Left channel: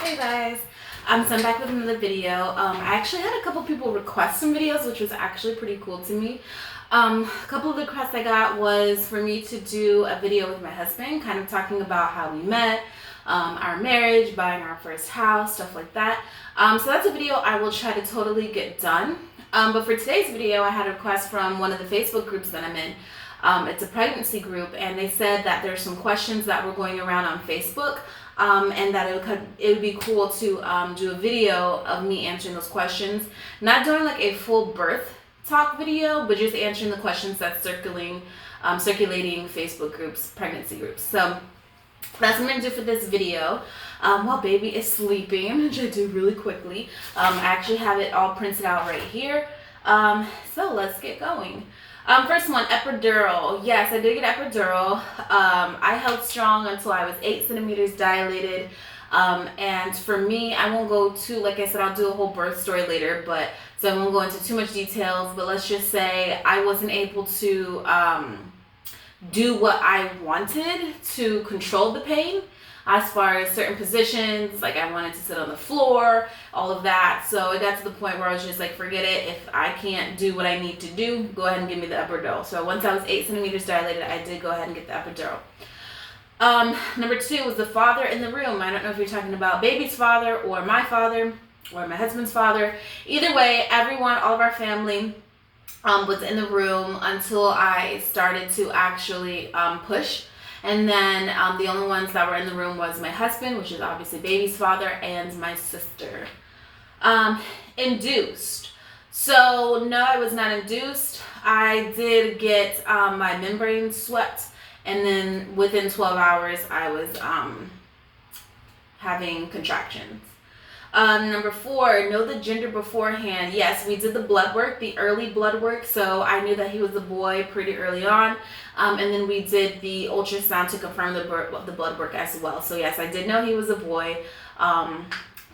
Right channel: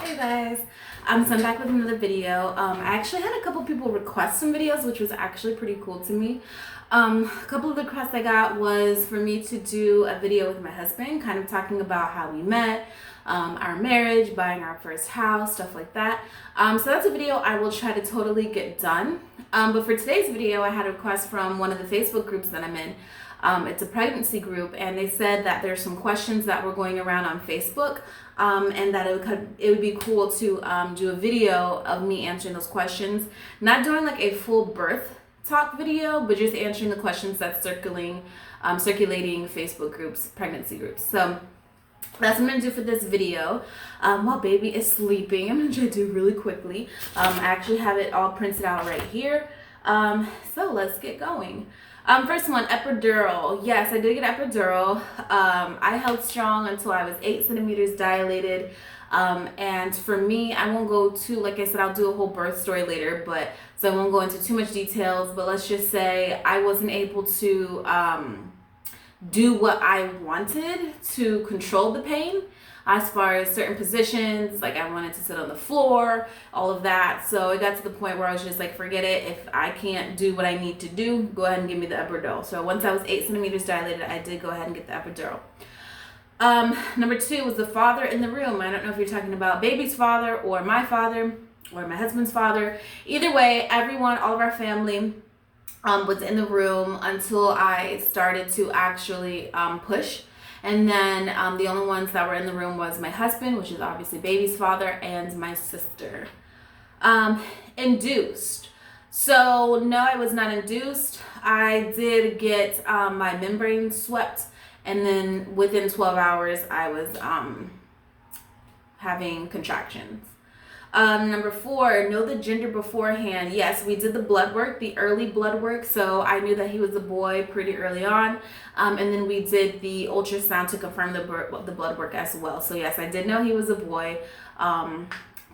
Hey guys, so I'm back with another video. I actually had a couple people request some videos, which was actually pretty cool to me. A couple of the requests I got was for me to do a video with my husband, kind of talking about how we met, our marriage, buying our first house, stuff like that. So that's a video I will try to totally get done. But for today's video, I had a request from one of the Facebook groups that I'm in. It's a pregnancy group, and they said that there's some questions that were going around on Facebook, and that it would be cool to do a video of me answering those questions. Not doing like a full birth talk video, but just answering the questions that's circulating Facebook groups, pregnancy groups. So that's what I'm gonna do for this video. While baby is sleeping, I'm gonna try to do really quickly. I actually have it all printed out right here. So let's get going. First one, epidural. Yes, I did get epidural. I held strong until I was 8 centimeters dilated. And for me, I won't go too, like I said, I'll do a whole birth story later, but so I won't go into too much details, but let's just say I wasn't able to do what I wanted to control the pain. As far as certain positions, like I wanted to sit on the floor, all of that. So it got to the point where I was just like, forget it. If I can't do what I need to do, go ahead and give me the epidural. So once I was 8 centimeters dilated, I did go ahead and get the epidural. Number 2 was the father in the room. I don't know if you're talking about baby's father or my husband's father. Either way, everyone, all of our family was in the room until I started to actually push. And then the only ones that were in the room was my husband, which is obviously baby's father, and my sister. Induced. So no, I was not induced. I did get my membrane swept, and then within 12 hours I was having contractions. Number 4, know the gender beforehand. Yes, we did the blood work, the early blood work, so I knew that he was a boy pretty early on. And then we did the ultrasound to confirm the blood work as well. So yes, I did know he was a boy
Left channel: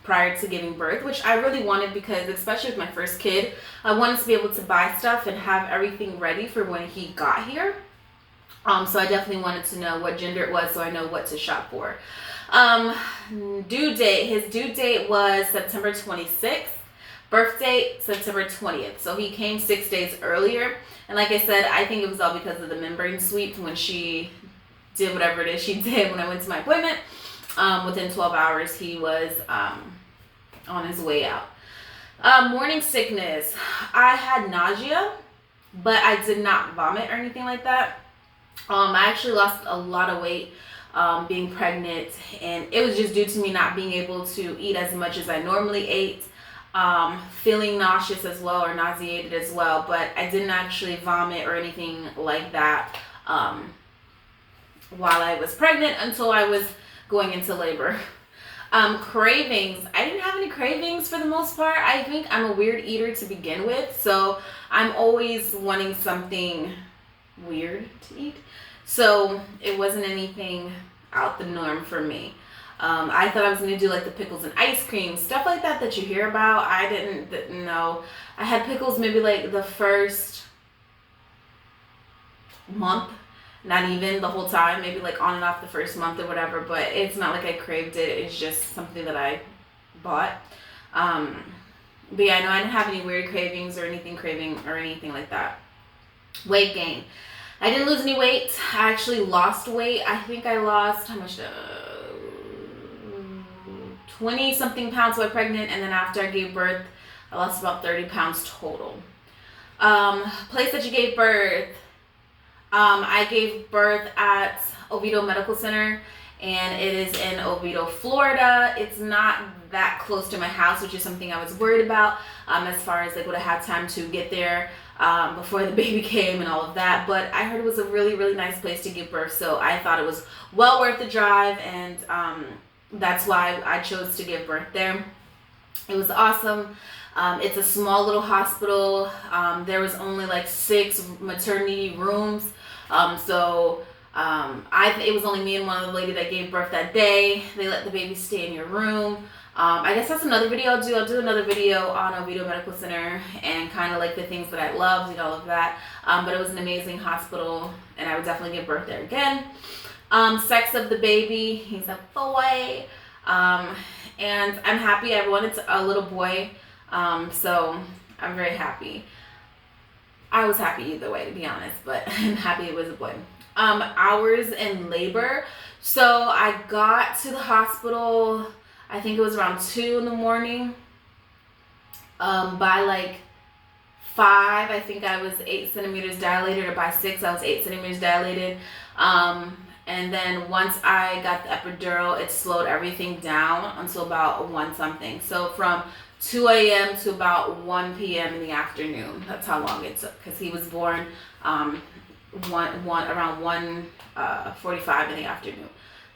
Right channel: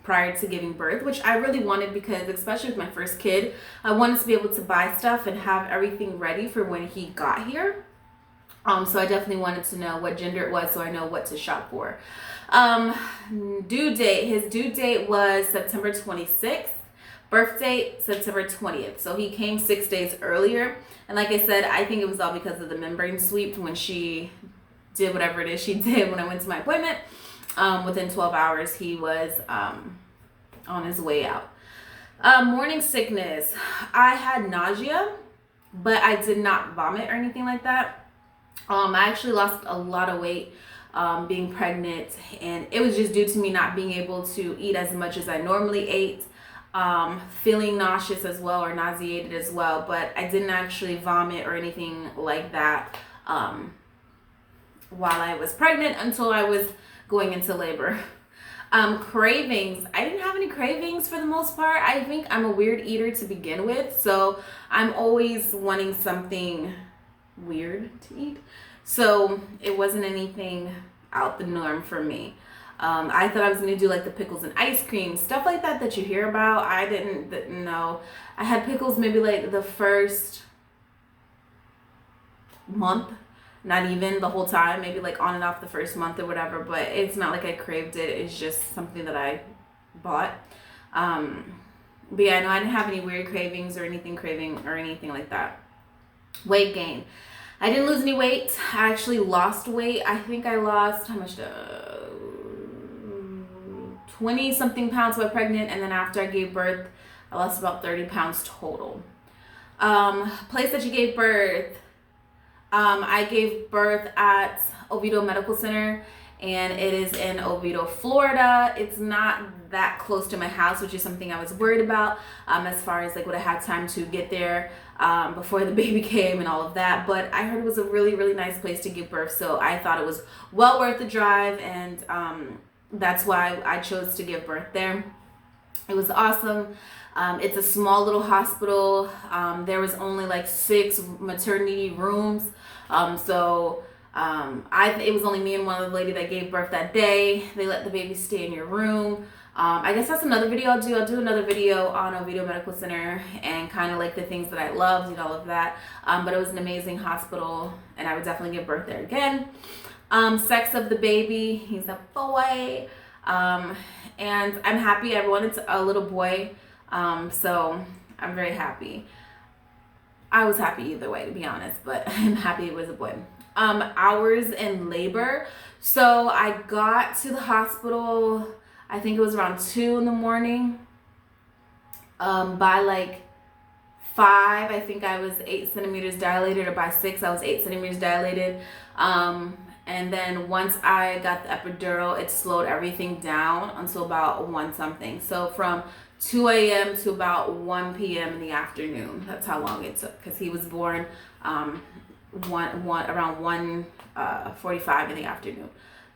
prior to giving birth, which I really wanted because, especially with my first kid, I wanted to be able to buy stuff and have everything ready for when he got here. So I definitely wanted to know what gender it was so I know what to shop for. Due date. His due date was September 26th. Birth date, September 20th. So he came 6 days earlier. And like I said, I think it was all because of the membrane sweep when she did whatever it is she did when I went to my appointment. Within 12 hours, he was on his way out. Morning sickness. I had nausea, but I did not vomit or anything like that. I actually lost a lot of weight being pregnant, and it was just due to me not being able to eat as much as I normally ate, feeling nauseous as well, or nauseated as well, but I didn't actually vomit or anything like that while I was pregnant until I was going into labor. Cravings. I didn't have any cravings for the most part. I think I'm a weird eater to begin with, so I'm always wanting something weird to eat. So it wasn't anything out the norm for me. I thought I was gonna do like the pickles and ice cream, stuff like that you hear about. I didn't know. I had pickles maybe like the first month, not even the whole time, maybe like on and off the first month or whatever, but it's not like I craved it. It's just something that I bought. But yeah, no, I didn't have any weird cravings or anything like that. Weight gain. I didn't lose any weight. I actually lost weight. I think I lost, how much? 20 something pounds while pregnant, and then after I gave birth, I lost about 30 pounds total. Place that you gave birth. I gave birth at Oviedo Medical Center, and it is in Oviedo, Florida. It's not that close to my house, which is something I was worried about as far as like would I have time to get there before the baby came and all of that. But I heard it was a really, really nice place to give birth, so I thought it was well worth the drive, and that's why I chose to give birth there. It was awesome. It's a small little hospital. There was only like 6 maternity rooms, so it was only me and one other lady that gave birth that day. They let the baby stay in your room. I guess that's another video I'll do. I'll do another video on Oviedo Medical Center and kind of like the things that I loved and all of that. But it was an amazing hospital, and I would definitely give birth there again. Sex of the baby, he's a boy. And I'm happy. I wanted a little boy, so I'm very happy. I was happy either way, to be honest, but I'm happy it was a boy. Hours in labor. So I got to the hospital, I think it was around 2 in the morning. By like 5, I think I was 8 centimeters dilated, or by 6, I was 8 centimeters dilated. And then once I got the epidural, it slowed everything down until about 1 something. So from 2 a.m. to about 1 p.m. in the afternoon. That's how long it took, because he was born around 1:45 in the afternoon.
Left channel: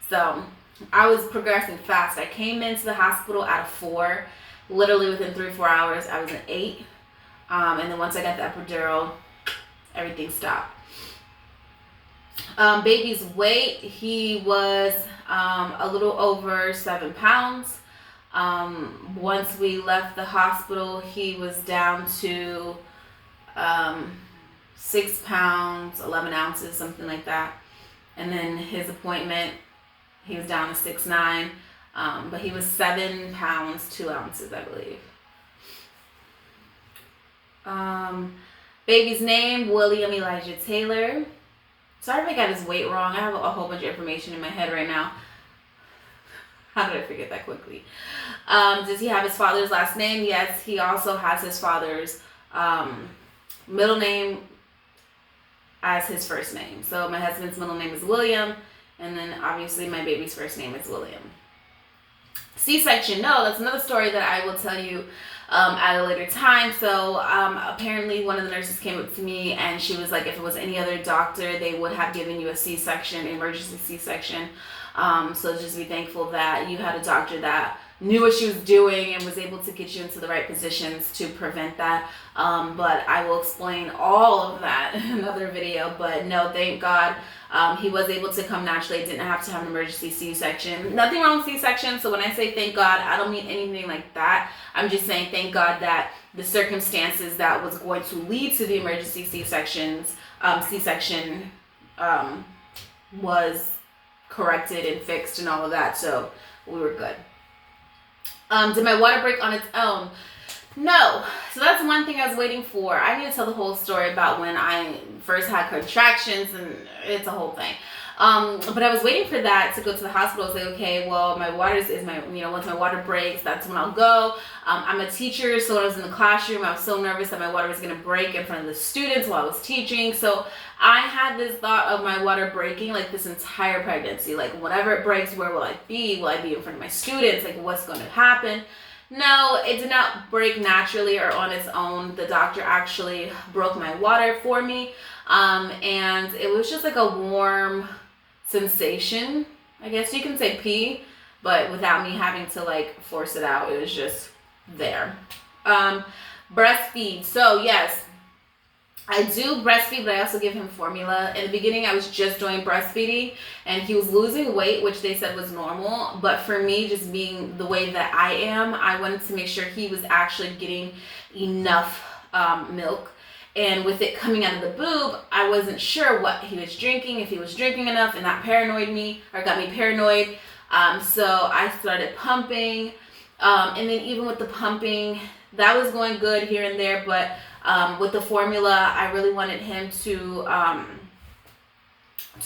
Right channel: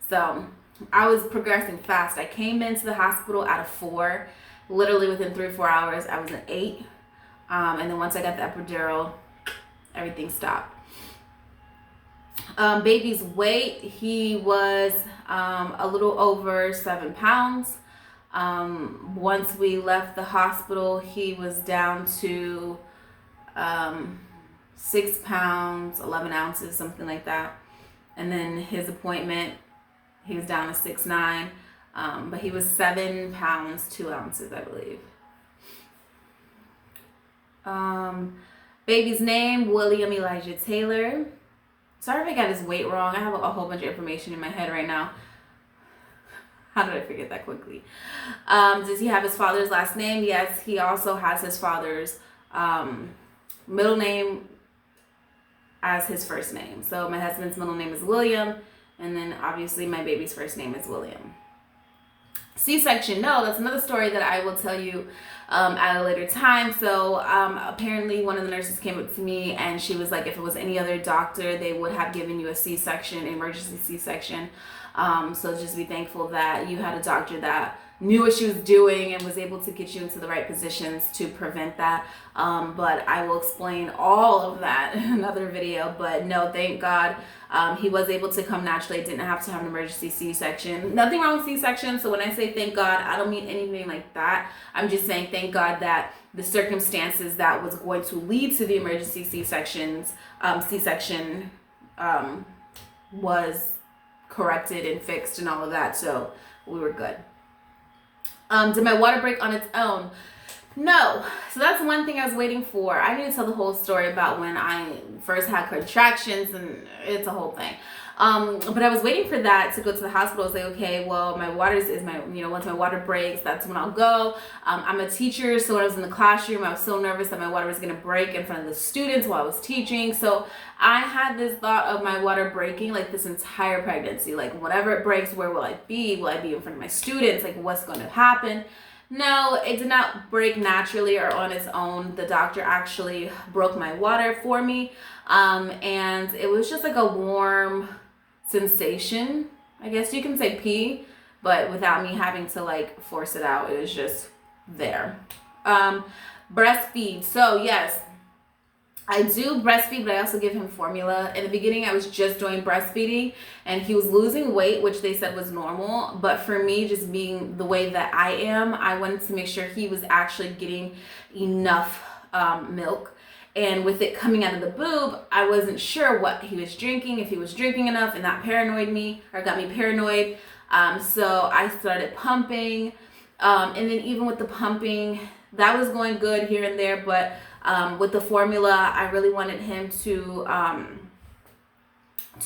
So I was progressing fast. I came into the hospital at a 4. Literally within 3 or 4 hours, I was an 8. And then once I got the epidural, everything stopped. Baby's weight, he was a little over 7 pounds. Once we left the hospital, he was down to 6 pounds, 11 ounces, something like that. And then his appointment, he was down to 6'9", but he was 7 pounds, 2 ounces, I believe. Baby's name, William Elijah Taylor. Sorry if I got his weight wrong. I have a whole bunch of information in my head right now. How did I forget that quickly? Does he have his father's last name? Yes, he also has his father's middle name as his first name. So my husband's middle name is William, and then obviously my baby's first name is William. C-section, no, that's another story that I will tell you at a later time. So apparently one of the nurses came up to me and she was like, if it was any other doctor, they would have given you a C-section, emergency C-section. So just be thankful that you had a doctor that knew what she was doing and was able to get you into the right positions to prevent that. But I will explain all of that in another video. But no, thank God, he was able to come naturally. Didn't have to have an emergency C-section. Nothing wrong with C-section. So when I say thank God, I don't mean anything like that. I'm just saying thank God that the circumstances that was going to lead to the emergency C-section was corrected and fixed and all of that. So we were good. Did my water break on its own? No. So that's one thing I was waiting for. I need to tell the whole story about when I first had contractions, and it's a whole thing. But I was waiting for that to go to the hospital. I was like, okay, well, my waters is my, once my water breaks, that's when I'll go. I'm a teacher, so when I was in the classroom, I was so nervous that my water was going to break in front of the students while I was teaching. So I had this thought of my water breaking like this entire pregnancy. Like, whenever it breaks, where will I be? Will I be in front of my students? Like, what's going to happen? No, it did not break naturally or on its own. The doctor actually broke my water for me. And it was just like a warm sensation. I guess you can say pee, but without me having to like force it out. It was just there. Breastfeed. So yes, I do breastfeed, but I also give him formula. In the beginning, I was just doing breastfeeding, and he was losing weight, which they said was normal. But for me, just being the way that I am, I wanted to make sure he was actually getting enough milk. And with it coming out of the boob, I wasn't sure what he was drinking, if he was drinking enough, and that paranoid me, or got me paranoid. So I started pumping. And then even with the pumping, that was going good here and there, but with the formula, I really wanted him to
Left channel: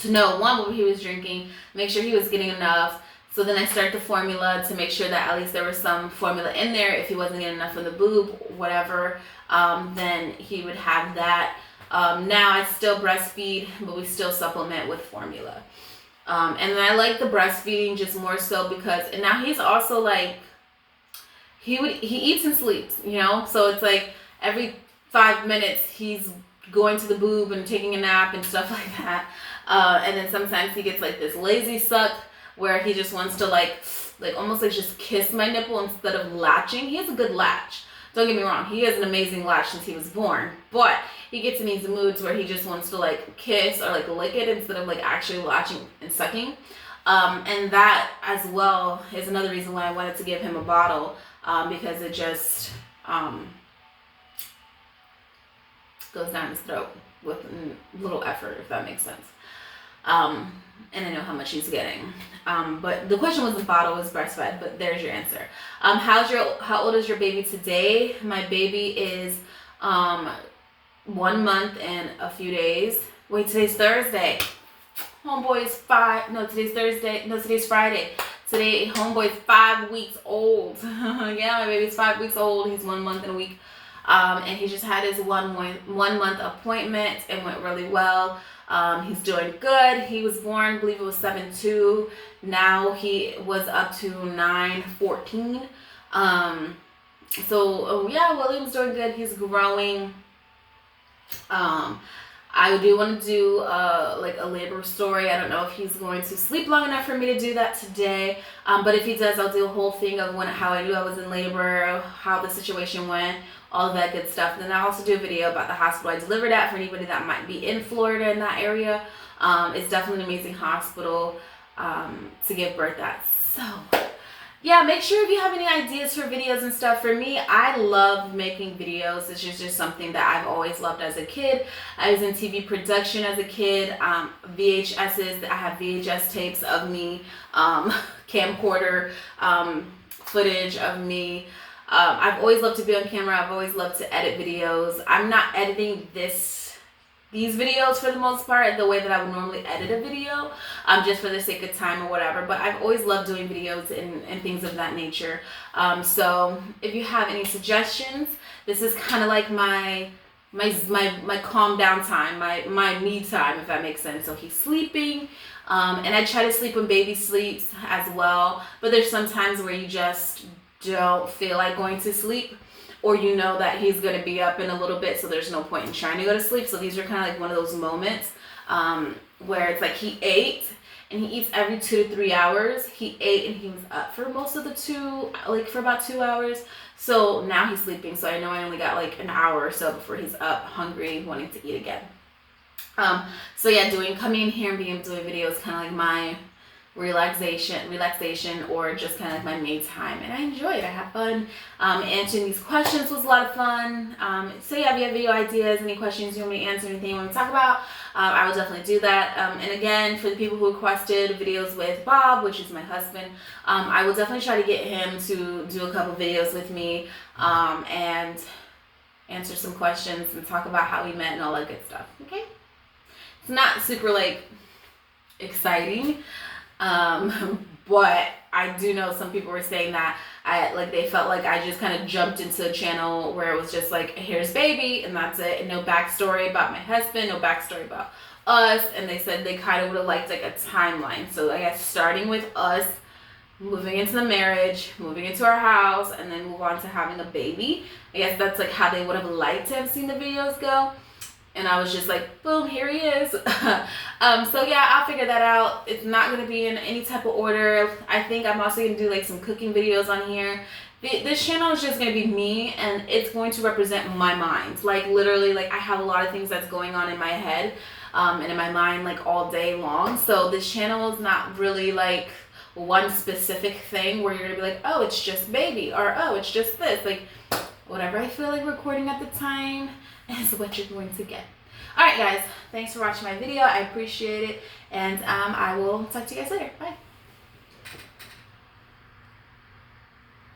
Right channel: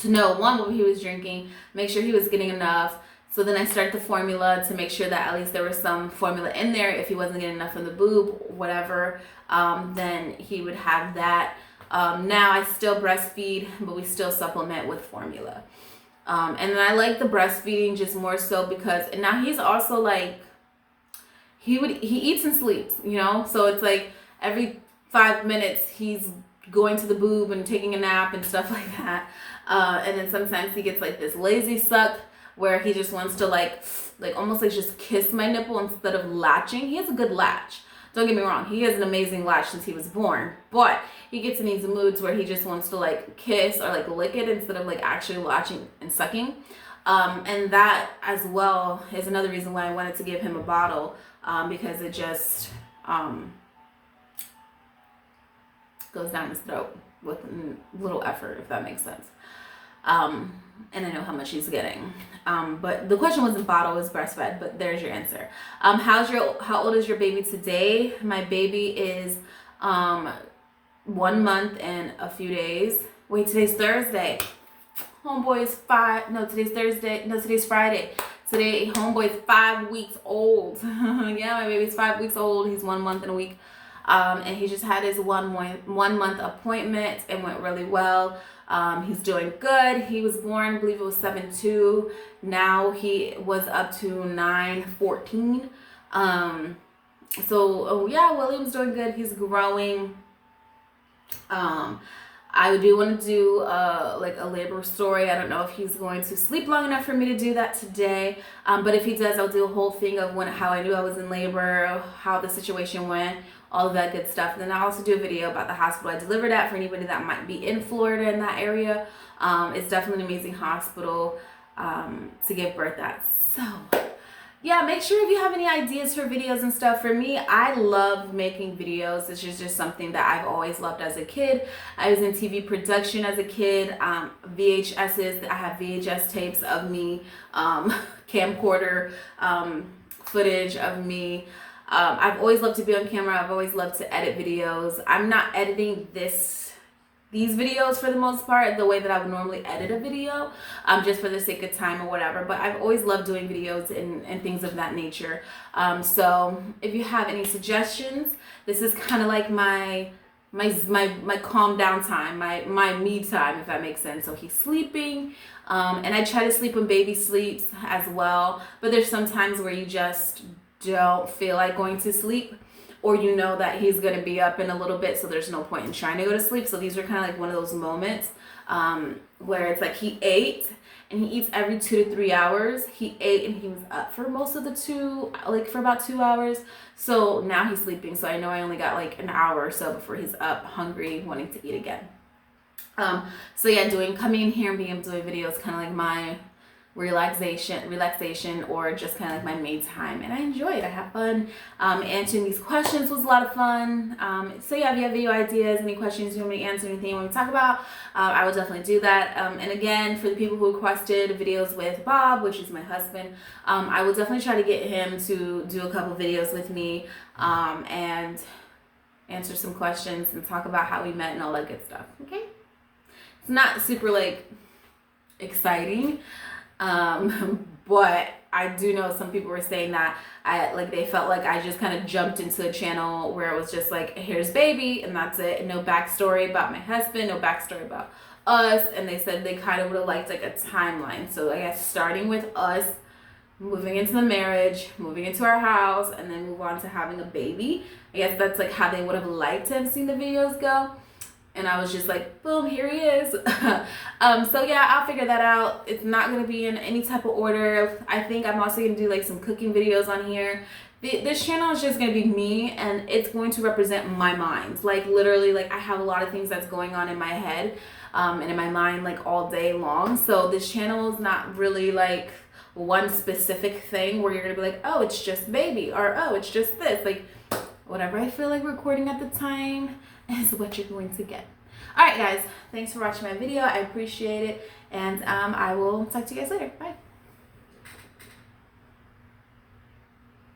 know, one, what he was drinking, make sure he was getting enough. So then I started the formula to make sure that at least there was some formula in there. If he wasn't getting enough from the boob, whatever, then he would have that. Now I still breastfeed, but we still supplement with formula. And then I like the breastfeeding just more so because, and now he's also like, he eats and sleeps, so it's like every 5 minutes he's going to the boob and taking a nap and stuff like that. And then sometimes he gets like this lazy suck where he just wants to like almost like just kiss my nipple instead of latching. He has a good latch. Don't get me wrong, he has an amazing latch since he was born, but he gets in these moods where he just wants to like kiss or like lick it instead of like actually latching and sucking. And that as well is another reason why I wanted to give him a bottle, because it just goes down his throat with little effort, if that makes sense. And I know how much he's getting. But the question wasn't bottle, it was breastfed, but there's your answer. How old is your baby today? My baby is 1 month and a few days. Wait, today's Thursday. Homeboy's today's Thursday. No, today's Friday. Today, homeboy's 5 weeks old. Yeah, my baby's 5 weeks old. He's 1 month and a week. And he just had his one month appointment. It went really well. He's doing good. He was born, I believe it was 7/2. Now he was up to 9/14. Yeah, William's doing good. He's growing. I do want to do like a labor story. I don't know if he's going to sleep long enough for me to do that today. But if he does, I'll do a whole thing of how I knew I was in labor, how the situation went, all of that good stuff. Then I'll also do a video about the hospital I delivered at for anybody that might be in Florida in that area. It's definitely an amazing hospital to give birth at. So yeah, make sure if you have any ideas for videos and stuff. For me, I love making videos. It's just something that I've always loved as a kid. I was in TV production as a kid. VHSs, I have VHS tapes of me, camcorder footage of me. I've always loved to be on camera. I've always loved to edit videos. I'm not editing these videos for the most part the way that I would normally edit a video, just for the sake of time or whatever. But I've always loved doing videos and things of that nature. So if you have any suggestions, this is kind of like my calm down time, my me time, if that makes sense. So he's sleeping, and I try to sleep when baby sleeps as well. But there's some times where you just don't feel like going to sleep, or you know that he's going to be up in a little bit, so there's no point in trying to go to sleep. So these are kind of like one of those moments where it's like he ate, and he eats every 2 to 3 hours. He ate and he was up for most of for about 2 hours. So now he's sleeping, so I know I only got like an hour or so before he's up, hungry, wanting to eat again. So yeah, coming in here and being able to do a video is kind of like my relaxation, or just kind of like my me time, and I enjoy it. I have fun. Answering these questions was a lot of fun. So yeah, if you have video ideas, any questions you want me to answer, anything you want me to talk about, I will definitely do that. And again, for the people who requested videos with Bob, which is my husband, I will definitely try to get him to do a couple videos with me, and answer some questions and talk about how we met and all that good stuff. Okay, it's not super like exciting. But I do know some people were saying that they felt like I just kind of jumped into a channel where it was just like, here's baby, and that's it, and no backstory about my husband, no backstory about us. And they said they kind of would have liked like a timeline. So I guess starting with us, moving into the marriage, moving into our house, and then move on to having a baby. I guess that's like how they would have liked to have seen the videos go. And I was just like, boom, here he is. So yeah, I'll figure that out. It's not going to be in any type of order. I think I'm also going to do like some cooking videos on here. This channel is just going to be me, and it's going to represent my mind. Like literally, like I have a lot of things that's going on in my head and in my mind like all day long. So this channel is not really like one specific thing where you're going to be like, oh, it's just baby, or oh, it's just this. Like whatever I feel like recording at the time is what you're going to get. All right, guys, thanks for watching my video. I appreciate it, and I will talk to you guys later. Bye.